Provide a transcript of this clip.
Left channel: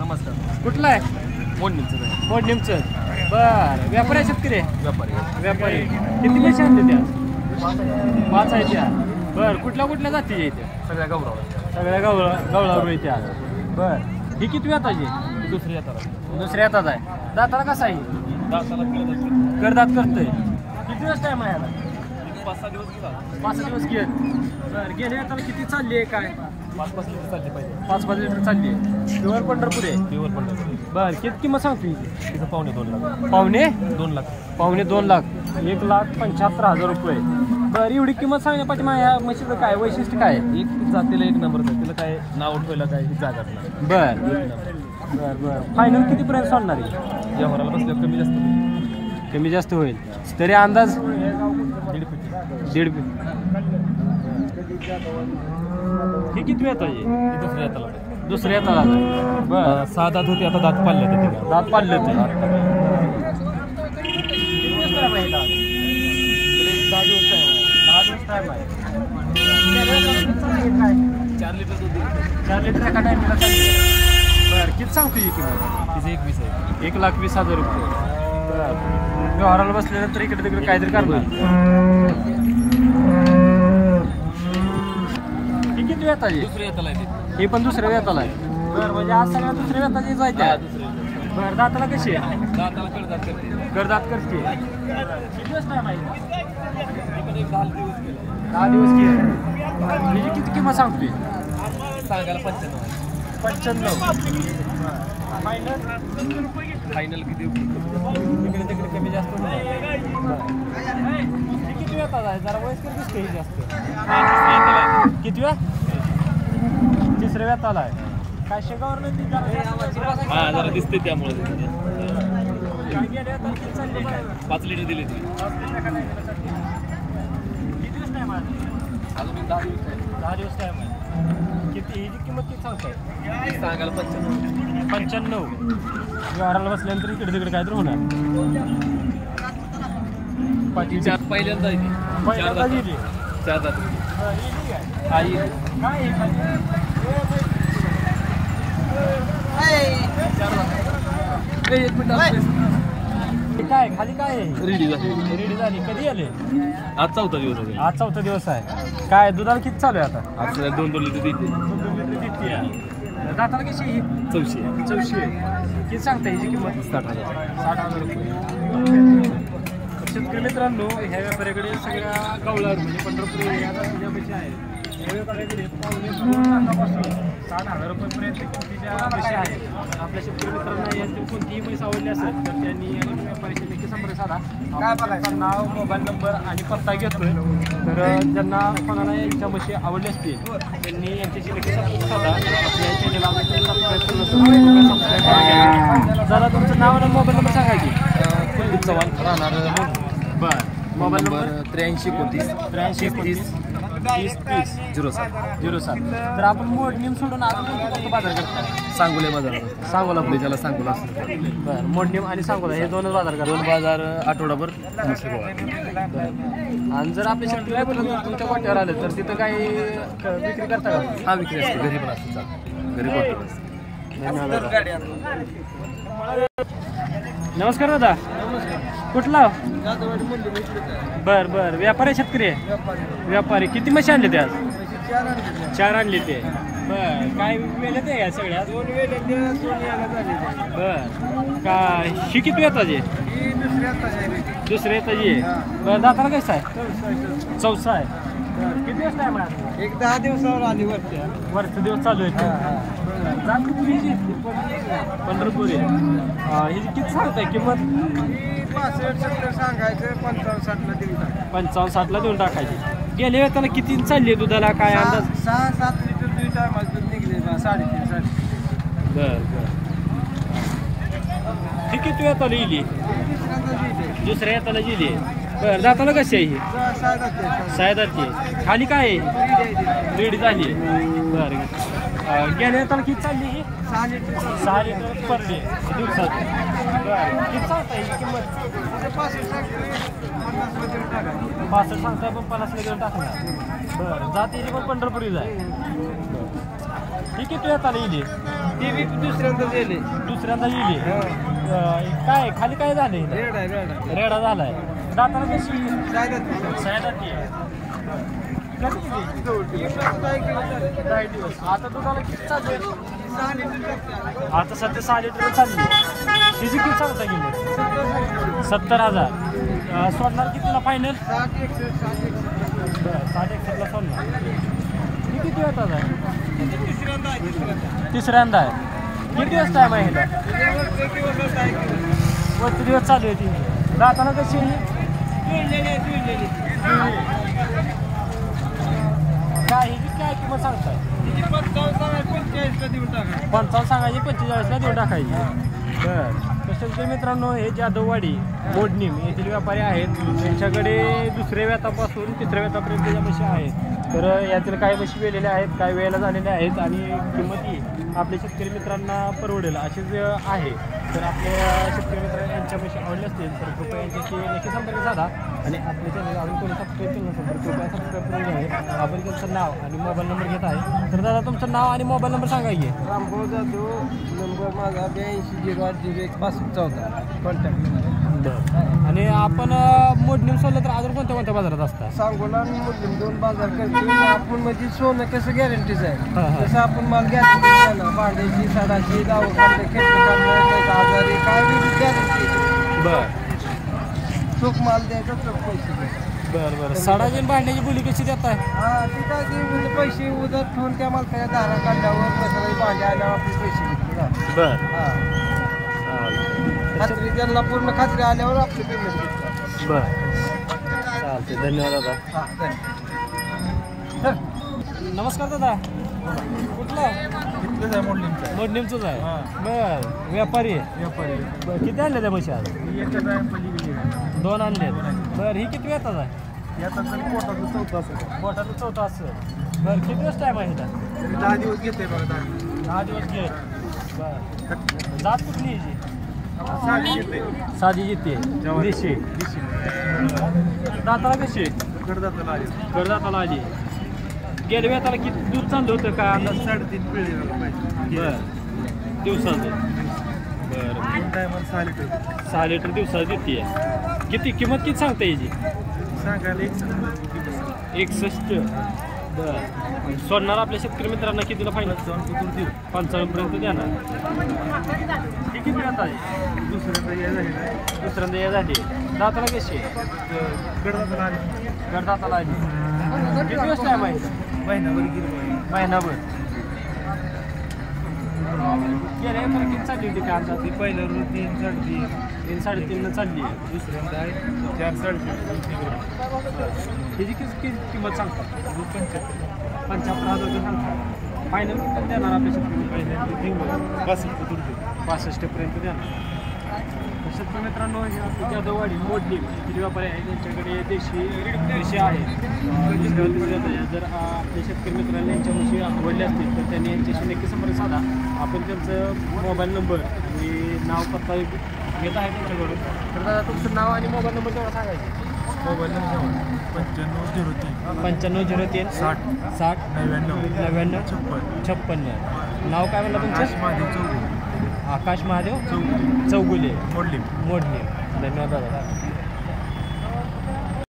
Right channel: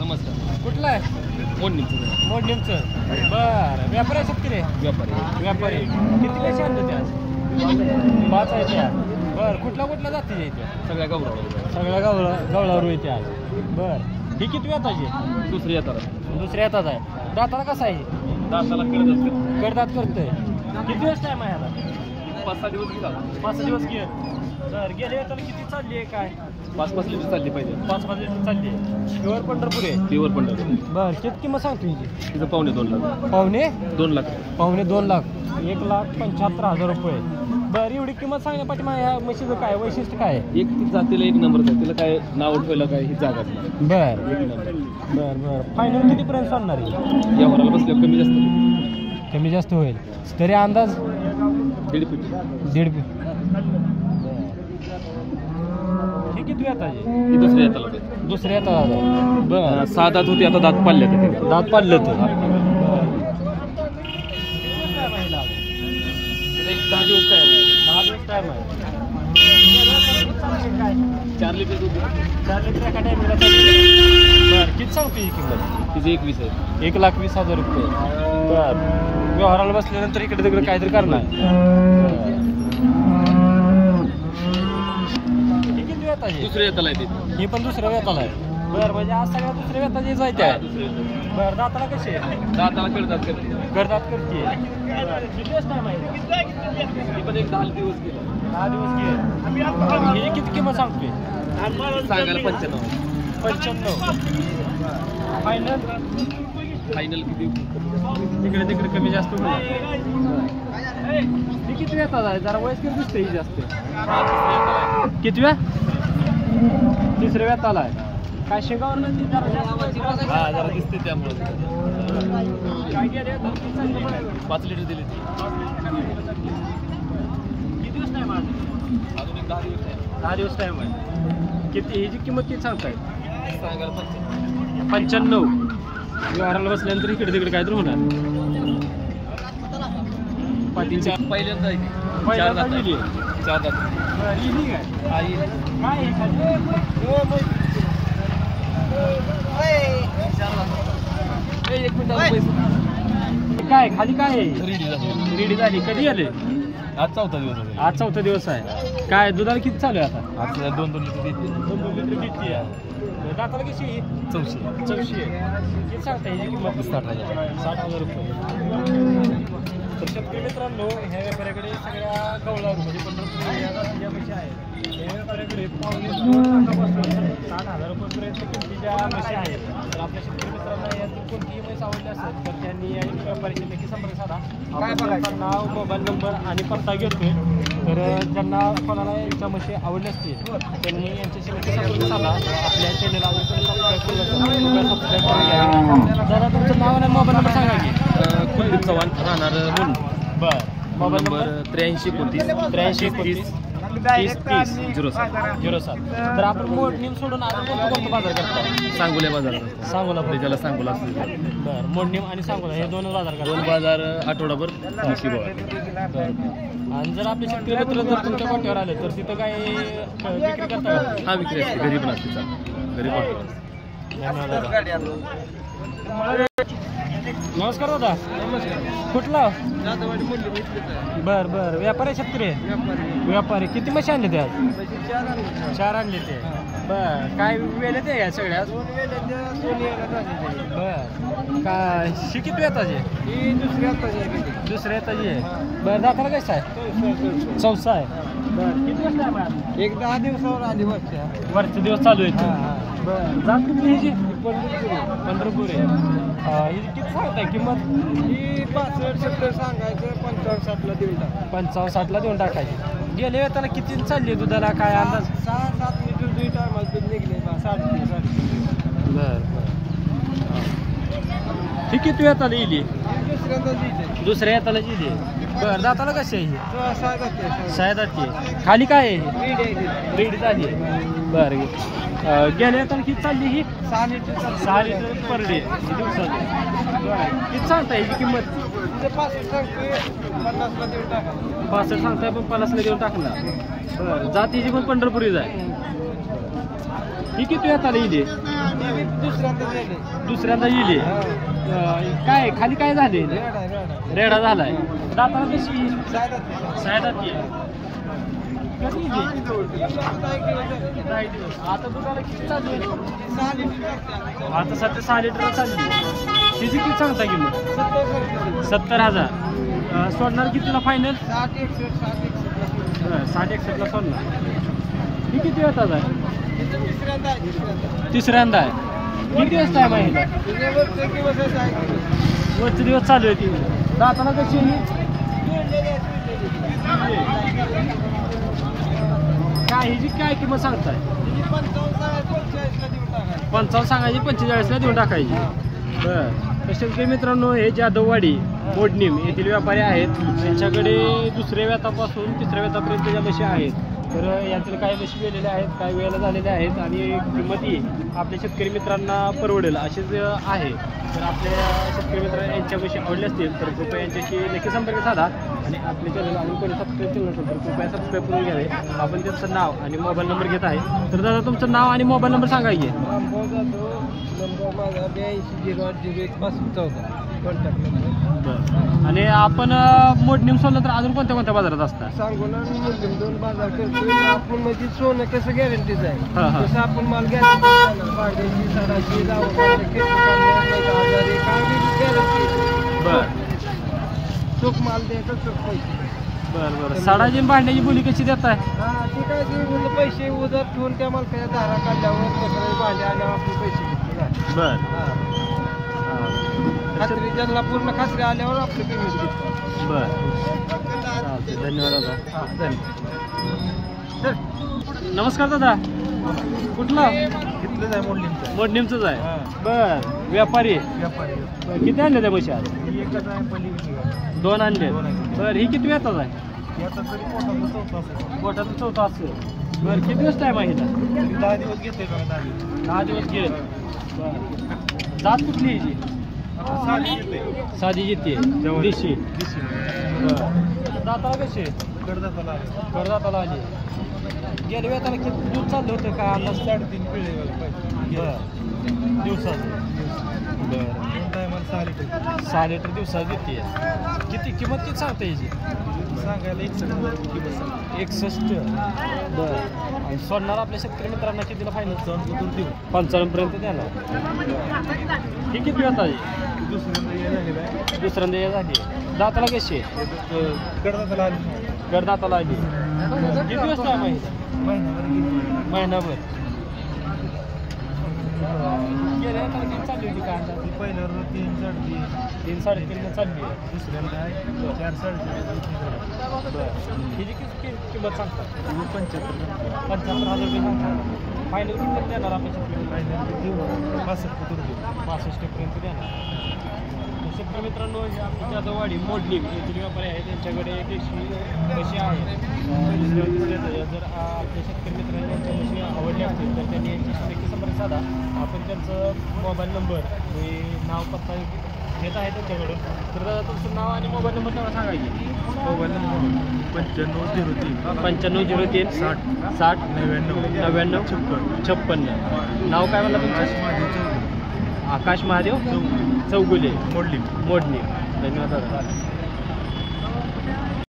नमस्कार. कुठला आहे? मोडणीमचं आहे. मोडणीमचं. बरं, व्यापारी आहे शेतकरी? व्यापारी. व्यापारी. किती पैसे आणले त्या? 5 आहे त्या. बरं, कुठल्या जाती आहे त्या? सगळ्या गौरव. सगळ्या गवळावर आहे त्या. बरं, ही किती येताची? दुसरी येतात. दुसऱ्या येतात आहे. दाताला कसा आहे? दाताला करदात करतोय. किती दिवस टाइम आहे याला? 5-6 दिवस झाला. 5 दिवस गेले. बरं, गेले येताना किती चालली आहे काय? 5-5 लिटर चालली पाहिजे. 5 लिटर चालली आहे. प्युअर पंढरपूर आहे. प्युअर पंढरपूर. बरं, किती किंमत सांगतो हिची? तिथं 2.5 लाख. पावणे 2 लाख. 2 लाख. 1,75,000 रुपये. बरं, एवढी किंमत सांगण्यापाठी माझ्या म्हशीचं काय वैशिष्ट्य काय आहे? एक जातीला 1 नंबर आहे. तिला काय नाव ठेवलं काय ही जागा नाही. बरं 1 नंबर. बरं फायनल कितीपर्यंत सोडणार आहे? या वराला बसल्या कमी जास्त होईल तरी अंदाज 1.5 फूट. 1.5 फूट. हे किती येत आहे? ही दुसऱ्या येताला. दुसऱ्या येतात. बरं, 6 दात होते, आता दात पाडले. दात पाडले तर 10 दिवस काय 4 लिटर दूध. 4 लिटर एका टायमिंगला चालते. बरं, किती सांगतो ही किंमत? तिचं 21 आहे. 1,20,000 रुपये. बरं, व्यवहाराला बसल्यानंतर इकडे तिकडे काहीतरी करणार. ही किती वेताची? दुसऱ्या येताला आहे ती. ही पण दुसऱ्या वेताला आहे. बरं, म्हणजे आज सगळ्या दुसऱ्या वेताची जायच्या आहे. बरं, दाताला कशी आहे? दाताला कळतात करते. करदात करते. किती दिवस टाइम आहे? ती पण एक 10 दिवस केले. 10 दिवस गेले. ही किती किंमत सांगतोय? सांगायला 95. 95. फायनल किती? तिकडे तिकडे कमी जास्त होईल. ही किती वेतात आहे? जरा वयस्कर दिसते ही जास्त. किती वेळ? तिसऱ्या वेताला आहे. काय शेगावर हा जरा दिसते त्यामुळे. 5 लिटर दिली ती. किती दिवस टाइम आहे? 10 दिवस टाइम आहे. किती ह्याची किंमत किती सांगताय? सांगायला 95. व्यवहाराला बसल्यानंतर इकडे तिकडे काहीतरी होणार. पाटील पहिल्यांदा 4 दात. 4 दात. काय खाली काय आहे? रेडी झाली. कधी आले? आज 4था दिवस आहे. आज 4था दिवस आहे. काय दुधाला किती चालू आहे आता? आज 2-2 लिटर देते. 2 लिटर देते. दाताला कशी आहे? 400. किती सांगता ह्याची किंमत? 60,000 रुपये. शेतकरी मित्रांनो, ह्या व्यापाऱ्याकडे सगळ्या गवळावर म्हणजे पंढरपूर आहेत. ह्या व्यापाऱ्याकडे 60,000 रुपयापर्यंत किमतीच्या म्हशी आहेत. तर आपल्या शेतकरी मित्रांना यांची कोणतीही म्हैस आवडली असेल तर त्यांनी या व्यापाऱ्याशी नक्की संपर्क साधा. काय बघायचं नाव, मोबाईल नंबर आणि पत्ता घेतोय. तर ज्यांना कोणाला यांच्या म्हशी आवडली असतील त्यांनी यांच्याशी नक्की संपर्क साधा. आपल्या चॅनलला जरा तुमचं नाव आणि मोबाईल नंबर सांगा की. कुलदीप चव्हाण राहणार मूल. बरं, मोबाईल नंबर 83 29 30 07. तर आपण मोडणीम सोडून अजून कोणतं बाजार करतो? सांगोल्या बाजारात. सांगोला. त्याला सांगोला असतो. बरं, मोडणीम आणि सांगोला हे 2 बाजार करतो. 2 बाजार आठवडाभर म्हशी गोळा. आणि जर आपल्या शेतकरी मित्र जर तुमच्या गोट्यावर आले तर तिथं काय विक्री करता का? हा विक्री असते. घरी पण असते. चालतं घरी गोट्यावर असते. नमस्कार दादा. नमस्कार. कुठला? बरं व्यापारी शेतकरी? व्यापारी. किती म्हशी आणले ते आज? 4 आणले ते. बरं, काय वेळेत आहे या सगळ्यात? बरं, का ही किती येताची? दुसऱ्या येताची आहे. बरं, दाताला कसं आहे? 4 आहे. बरं, किती दिवस टाइम आहे? एक 10 दिवसावर आली वरचे दिवस चालू आहे. जात किती ह्याची? पंढरपुरी. ही किती सांगताय किंमत? 65-70 सांगायचं, 55-60ला देऊन टाक. 55-60ला देऊन टाकायची. गेल्या वेळेला किती चालली दुधाला काय अंदाज? 6-7 लिटर 2 टायमात दूध निघले. 3.5. बरं. ही किती वेळाला येईल? दुसऱ्या येताना गेली. बरं, जाताना कशी आहे ही? 6 खाली काय आहे? रेडी झाली. बरं, गेल्या येताना किती चालली ही? 6 लिटर पर डे दिवसात. किती सांगता ह्याची किंमत? 65 सांगताय पण 50ला देऊन टाकणार. बरं, जातीची पण पंढरपुरीच आहे. ही किती वेळाला येईल? ती बी दुसऱ्यांदा गेले दुसऱ्यांदा येईल काय खाली काय झाले रेडा झालाय दाताला कशी सायदाती कधी आता दुधाला किती चालू आहे आता सध्या 6 लिटर चालली तिची किती सांगता किंमत 70,000 सोडणार कितीला फायनल 60-61 सोडणार ही किती होतात आहे तिसऱ्यांदा आहे किती दिवस टाईम आहे ह्याला वरचे दिवस चालू आहे ती दाताला कशी काय हिची काय किंमत सांगताय 55 सांगायची 45ला देऊन टाकायची बरं तसे मित्रांनो हे जाधववाडी मोडणीम येथील व्यापारी आहेत त्यांच्याकडे दुसऱ्या व्यातापासून तिसऱ्या व्यातापर्यंत ज्या म्हशी आहेत तर यातील काही म्हशी वेलेल्या आहेत काही वेळेला झालेल्या आहेत आणि किंमती आपल्या शेतकरी मित्रांना परवडेल अशीच आहे तर आपल्या शेतकरी मित्र यांच्या म्हशी आवडल्या असतील तर कृपया यांच्याशी नक्की संपर्क साधा आणि आपल्या चॅनल आणि कोणी सबस्क्राईब केलं नसेल तर कृपया सबस्क्राईब करून घ्यावे आपण त्यांचं नाव आणि मोबाईल नंबर घेत आहे तर दादा तुमचं नाव आणि मोबाईल नंबर सांगा की रामभाऊ जाधव नंबर माझा 8208016514 कॉन्टॅक्ट नंबर आणि आपण मोडणीम सोडलं तर अजून कोणत्या कोणत्या बाजारात असतात सांगोला आणि मुस्लिम 2 बाजार करतोय आपण म्हणजे सोनं कसं गॅरंटीच आहे तसं आपण माल गॅरंटी देणार भांड्याची साडाची जावं काढलं खेटलं काढलं मैदा आजारी काय बी गॅरंटी चोख माल द्यायचा चोख पैसे बरं साडाची भांड्याची बोली कशी देताय हा ते काय ते म्हणजे पैसे उधार ठेवून त्या मालकाच्या दारा काढल्यावर मसाला भांडे आल्यावर आपण पैसे घेतो ना बरं हा खात्री त्यांना पूर्ण खात्री आल्यावर आपलं पेमेंट घेतो बरं धन्यवाद दादा हा धन्यवाद सर नमस्कार दादा कुठला इथलंच आहे मोडलिंगचं मोडणीमचंच आहे हा. बर व्यापारी व्यापारी बरं, किती आणले त्या पैसे आज एकच आहे पलीकडे काय 2 आणले दोन आणले. बरं ही किती येतात आहे याचा तरी पोटाचं चौथा असेल पोटाचं 4थं असं बरं किती दिवस टाईम आहे हिला तरी 10 दिवस घेते मला 10 दिवस घे बरं जात कुठली याची साडी घेते साधी येते देशी दिशी दाताला कशी कडदाताला आले करदाताला आली गेल्या वेळेला किती दूध चाललं होतं का आता 3.5 पिळे बरं दिवसाचं बरं टायमाला 6 लिटर 6 लिटर दिवसात देते किती किंमत किती सांगता याची सांगायला 61 बरं आणि सोडणार आपल्या शेतकरी मित्रांना कितीला फायनल जाऊन कुठून देऊ 55 पर्यंत देणार ही किती वेळ आहे दुसऱ्यांदा हे झाली दाताला कशी आहे कडदाताला आले गडदाताला आली किती दिवस टाईम आहे महिनाभर गेल्या वेळेला किती चालली होती का आता ती पहिलं 3 3-3.5 चालली आहे दुसऱ्यांदा आहे 4-4.5 हिची किती किंमत सांगतात 75 75,000 रुपये सांगतात फायनल किती देणार आपल्या शेतकरी 65 पर्यंत देणार शेतकरी मित्रांनो जाधववाडी मोडणी येथील व्यापारी आहेत त्यांच्याकडे देशी म्हशी आहेत जर आपल्या शेतकरी मित्रांनी यांच्या म्हशी आवडल्या असतील तर त्यांनी यांच्याशी नक्की संपर्क साधा आपण त्यांचं मोबाईल नंबर आणि नाव पत्ता घेत आहे त्यांच्याकडून तर दादा तुमचं नाव आणि मोबाईल नंबर तेवढा सांगायचे मोबाईल नंबर 9503 9503 60 60 99 56 नाव काय म्हणलं आकाश तुमचं? महादेव चौगुले आकाश महादेव चौगुले चौगुले मोडलिंग मोडणी धन्यवाद दादा